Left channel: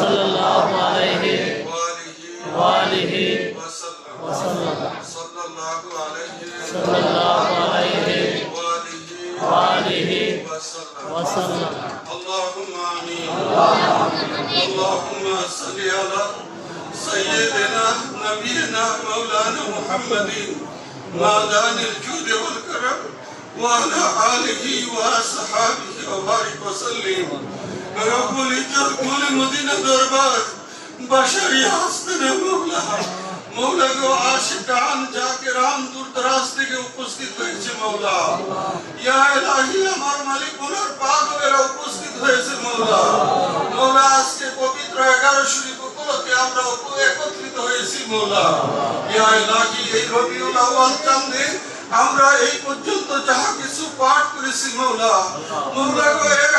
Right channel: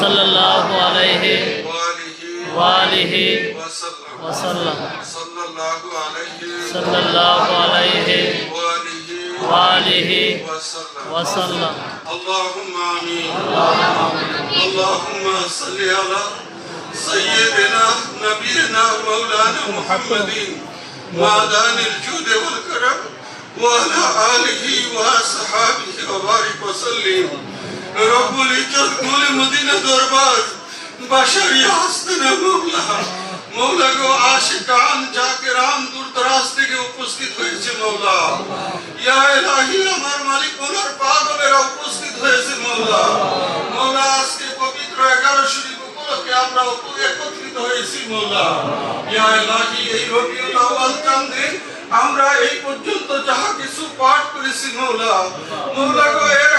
सल्लल्लाहु अलैहि वालिहि वसल्लम सल्लल्लाहु अलैहि वालिहि वसल्लम। अल्लाहुम्मा आमीन। अल्लाहुम्मा सल्लि अला सय्यिदिना नबीना मौलाना मुहम्मदिन मादानिल जूद वल करम व अला आलिहि व असहाबिहि व बारिक व सल्लिम। रब्बुल इज्जत कुल मदीना दरबार बशरी हस्तना मौला मौला गो आशिकान जाकिरान दूर दराज থেকে উপস্থিত হয়েছে মওলা। ইয়া ইলাহি আমার মালিক ওনার পাগলেরা উপস্থিত হয়েছে মওলা। মওলা আজকে পবিত্র 11 শরীফ উপলক্ষে আমরা একত্রিত হয়েছি মওলা। ইয়া ইলাহি এই রবিউল আউয়াল চাঁদে আমরা এই পর্যন্ত যাহা কিছু পাঠ করেছি মওলা, মওলা গো এর